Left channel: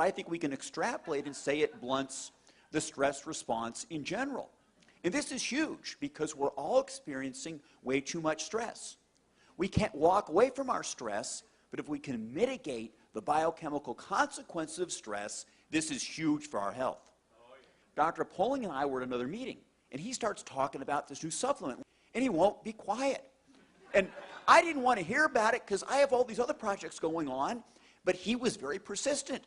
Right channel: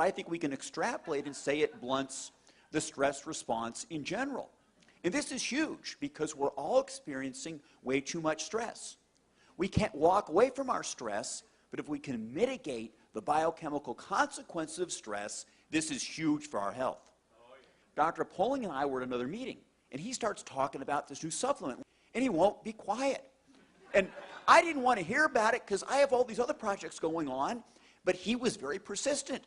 but I think we can extrapolate and say it blunts the stress response in general. And this is huge because we're all experiencing way too much stress. We can't walk away from our stress, but if we can mitigate the biochemical consequences of stress, this is huge for our health. Dr. Poling and I were at another meeting, and he starts talking about this new supplement, and he won't be quiet. And I didn't want to hear about it because I have all these other projects going on, but he was very persistent.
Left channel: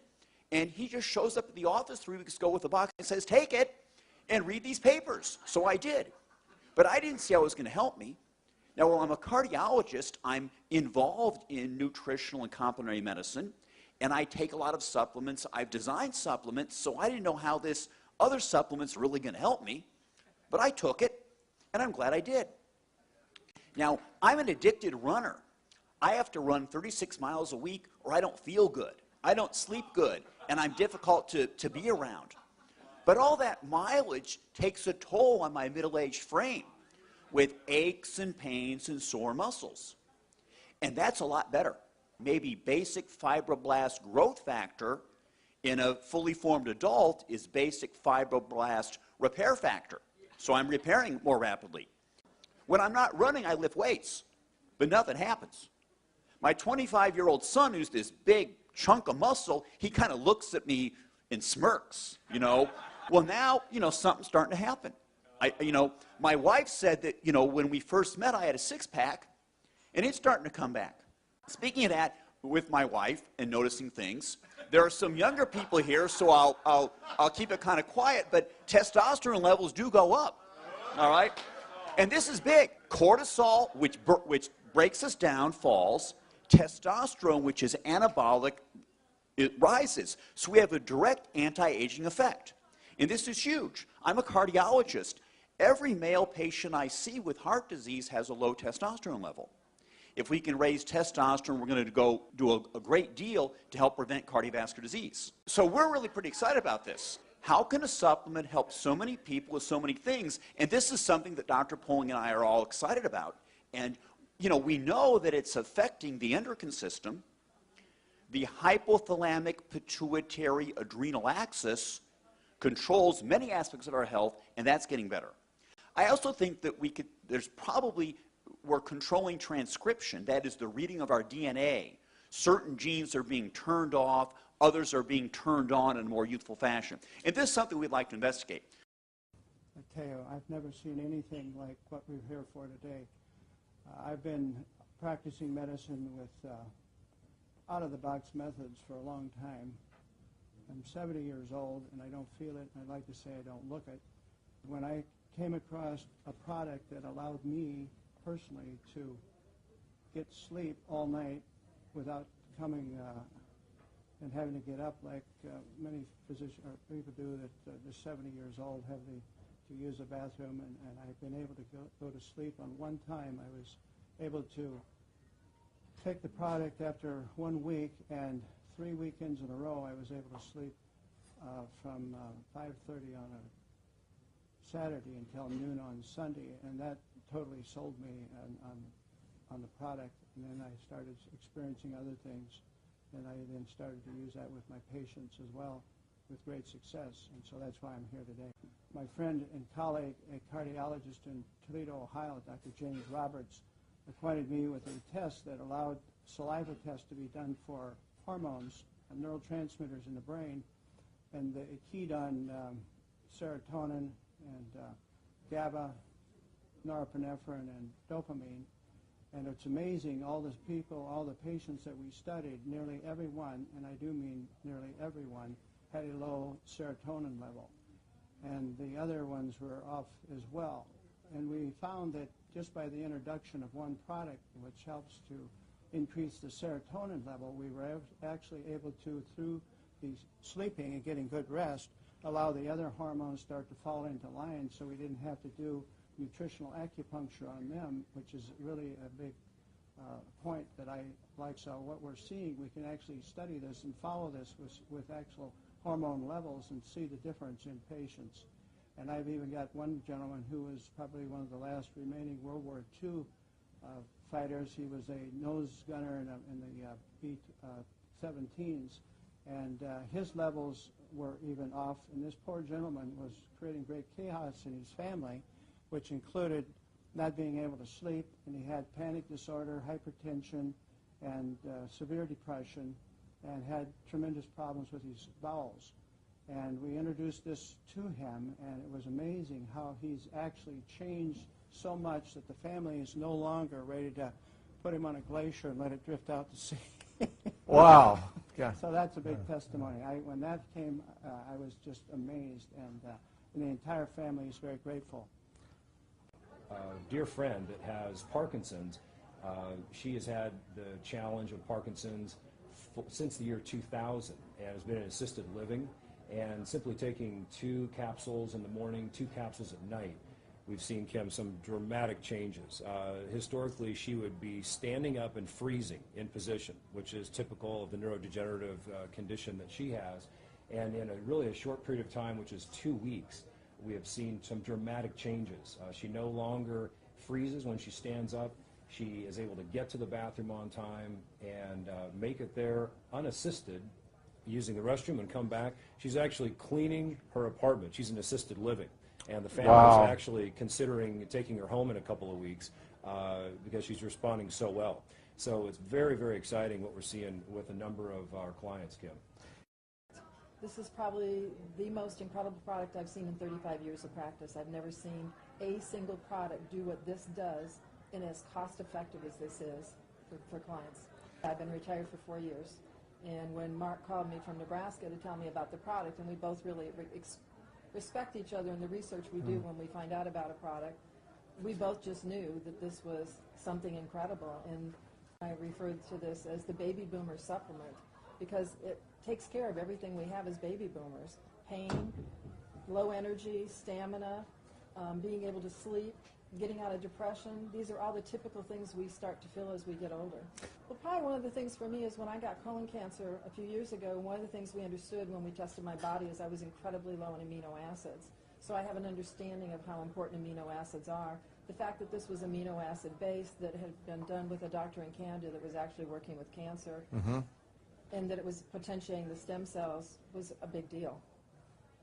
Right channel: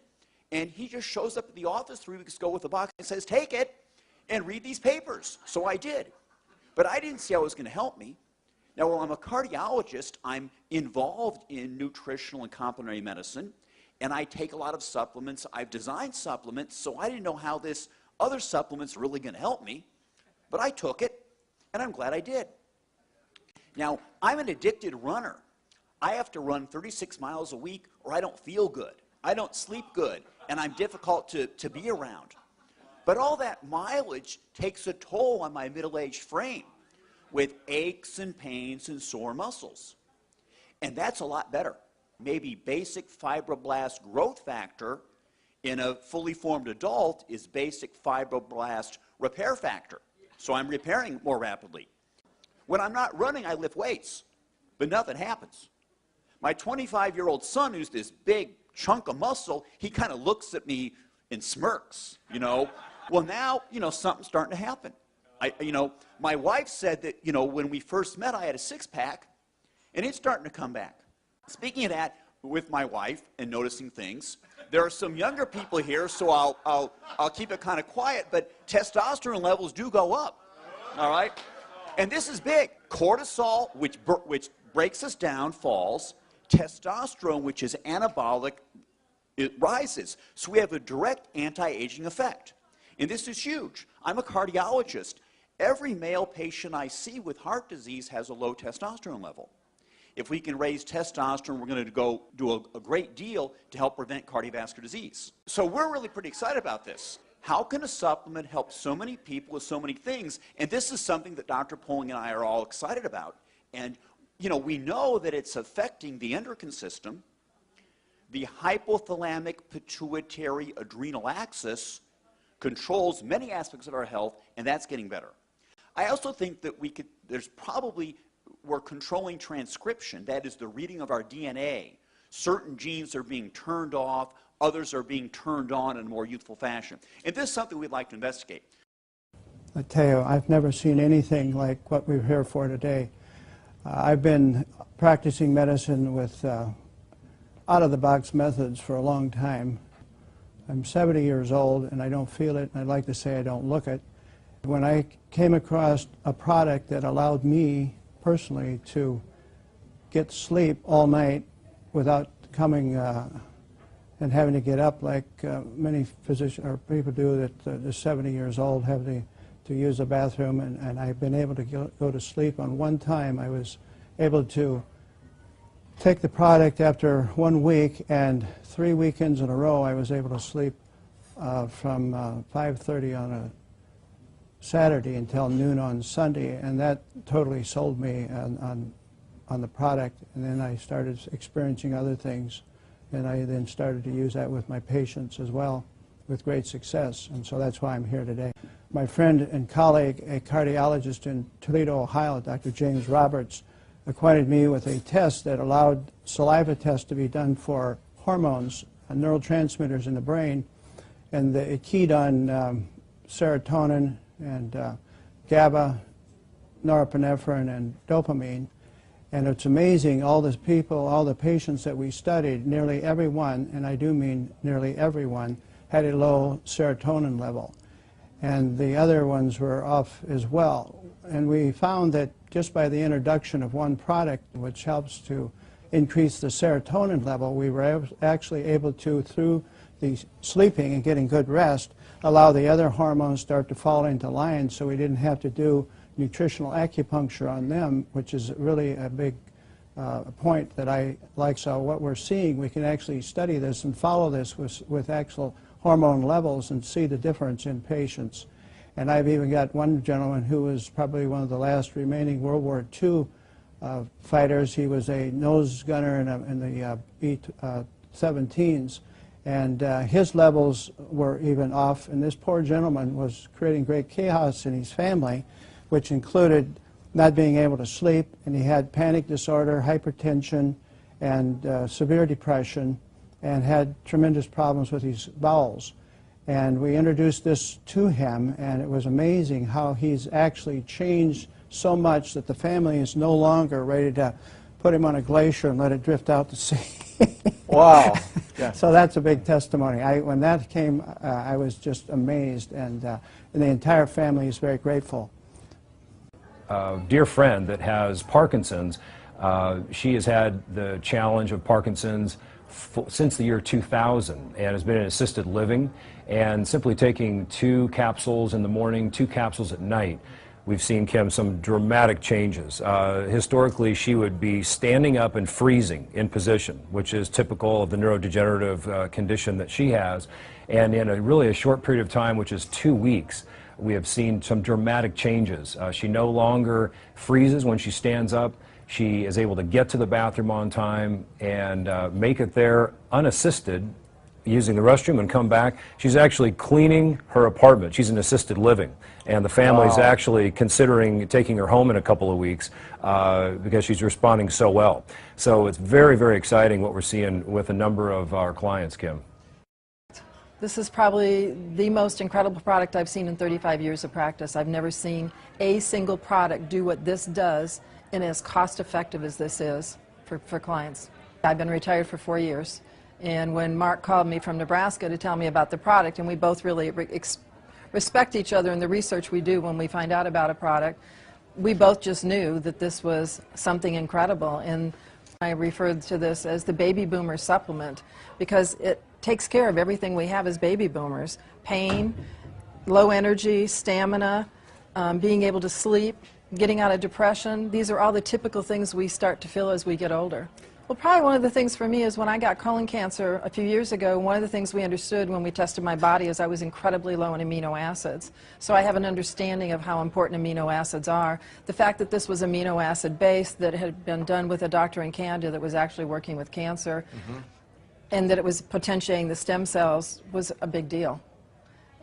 And he just shows up at the office 3 weeks ago with a box and says, take it and read these papers. So I did. But I didn't see how it was going to help me. Now, while I'm a cardiologist, I'm involved in nutritional and complementary medicine, and I take a lot of supplements. I've designed supplements, so I didn't know how this other supplement's really going to help me. But I took it, and I'm glad I did. Now, I'm an addicted runner. I have to run 36 miles a week, or I don't feel good. I don't sleep good, and I'm difficult to be around. But all that mileage takes a toll on my middle-aged frame with aches and pains and sore muscles. And that's a lot better. Maybe basic fibroblast growth factor in a fully formed adult is basic fibroblast repair factor. So I'm repairing more rapidly. When I'm not running, I lift weights, but nothing happens. My 25-year-old son, who's this big chunk of muscle, he kind of looks at me and smirks, you know. Well, now, you know, something's starting to happen. My wife said that, you know, when we first met, I had a six-pack, and it's starting to come back. Speaking of that, with my wife and noticing things, there are some younger people here, so I'll keep it kind of quiet, but testosterone levels do go up, all right? And this is big. Cortisol, which breaks us down, falls. Testosterone, which is anabolic, it rises. So we have a direct anti-aging effect. And this is huge. I'm a cardiologist. Every male patient I see with heart disease has a low testosterone level. If we can raise testosterone, we're going to go do a great deal to help prevent cardiovascular disease. So we're really pretty excited about this. How can a supplement help so many people with so many things? And this is something that Dr. Poling and I are all excited about. And you know, we know that it's affecting the endocrine system, the hypothalamic pituitary adrenal axis controls many aspects of our health, and that's getting better. I also think that we're controlling transcription, that is the reading of our DNA. Certain genes are being turned off, others are being turned on in a more youthful fashion. And this is something we'd like to investigate. I tell you, I've never seen anything like what we're here for today. I've been practicing medicine with out-of-the-box methods for a long time. I'm 70 years old, and I don't feel it, and I'd like to say I don't look it. When I came across a product that allowed me personally to get sleep all night without coming and having to get up like many physicians or people do that are 70 years old, have to use the bathroom, and I've been able to go to sleep. On one time, I was able to take the product after 1 week, and 3 weekends in a row, I was able to sleep from 5:30 on a Saturday until noon on Sunday, and that totally sold me on the product. And then I started experiencing other things, and I then started to use that with my patients as well with great success, and so that's why I'm here today. My friend and colleague, a cardiologist in Toledo, Ohio, Dr. James Roberts, acquainted me with a test that allowed saliva tests to be done for hormones, neurotransmitters in the brain, and it keyed on serotonin and GABA, norepinephrine, and dopamine. And it's amazing, all the people, all the patients that we studied, nearly everyone, and I do mean nearly everyone, had a low serotonin level. And the other ones were off as well. And we found that just by the introduction of one product, which helps to increase the serotonin level, we were actually able to, through the sleeping and getting good rest, allow the other hormones start to fall into line, so we didn't have to do nutritional acupuncture on them, which is really a big point that I like. So what we're seeing, we can actually study this and follow this with actual hormone levels and see the difference in patients. And I've even got one gentleman who was probably one of the last remaining World War II fighters. He was a nose gunner in the B-17s, And his levels were even off, and this poor gentleman was creating great chaos in his family, which included not being able to sleep, and he had panic disorder, hypertension, and severe depression, and had tremendous problems with his bowels. And we introduced this to him, and it was amazing how he's actually changed so much that the family is no longer ready to put him on a glacier and let it drift out to sea. Wow. Yeah. So that's a big testimony. When that came, I was just amazed, and the entire family is very grateful. A dear friend that has Parkinson's, she has had the challenge of Parkinson's since the year 2000 and has been in assisted living, and simply taking 2 capsules in the morning, 2 capsules at night, we've seen, Kim, some dramatic changes. Historically, she would be standing up and freezing in position, which is typical of the neurodegenerative condition that she has. And in really a short period of time, which is 2 weeks, we have seen some dramatic changes. She no longer freezes when she stands up. She is able to get to the bathroom on time and make it there unassisted, using the restroom, and come back. She's actually cleaning her apartment. She's in assisted living, and the family's actually considering taking her home in a couple of weeks because she's responding so well. So it's very, very exciting what we're seeing with a number of our clients, Kim. This is probably the most incredible product I've seen in 35 years of practice. I've never seen a single product do what this does and as cost effective as this is for clients. I've been retired for 4 years. And when Mark called me from Nebraska to tell me about the product, and we both really respect each other in the research we do when we find out about a product, we both just knew that this was something incredible. And I referred to this as the baby boomer supplement because it takes care of everything we have as baby boomers: pain, low energy, stamina, being able to sleep, getting out of depression. These are all the typical things we start to feel as we get older. Well, probably one of the things for me is when I got colon cancer a few years ago, one of the things we understood when we tested my body is I was incredibly low in amino acids. So I have an understanding of how important amino acids are. The fact that this was amino acid based, that had been done with a doctor in Canada that was actually working with cancer, and that it was potentiating the stem cells was a big deal.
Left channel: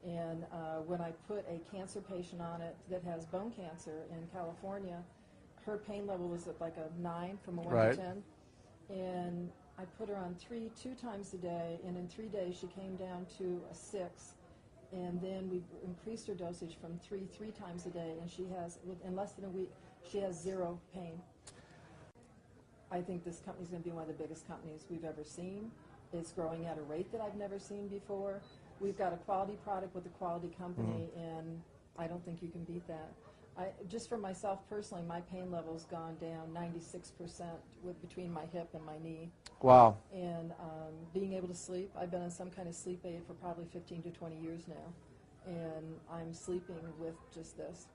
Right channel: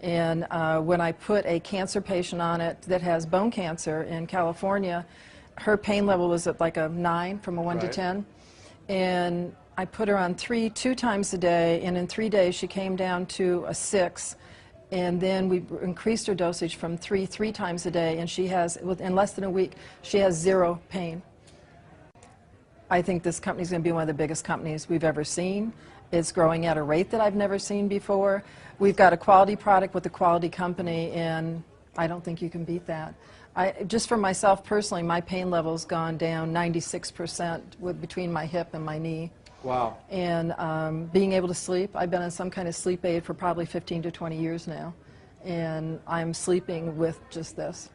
And when I put a cancer patient on it that has bone cancer in California, her pain level was at like a 9 from a 1 to 10. And I put her on 2 times a day, and in 3 days she came down to a 6. And then we increased her dosage from 3 times a day, and she has, in less than a week, she has 0 pain. I think this company is going to be one of the biggest companies we've ever seen. It's growing at a rate that I've never seen before. We've got a quality product with a quality company, and I don't think you can beat that. Just for myself personally, my pain level's gone down 96% between my hip and my knee. Wow. And being able to sleep, I've been on some kind of sleep aid for probably 15 to 20 years now, and I'm sleeping with just this.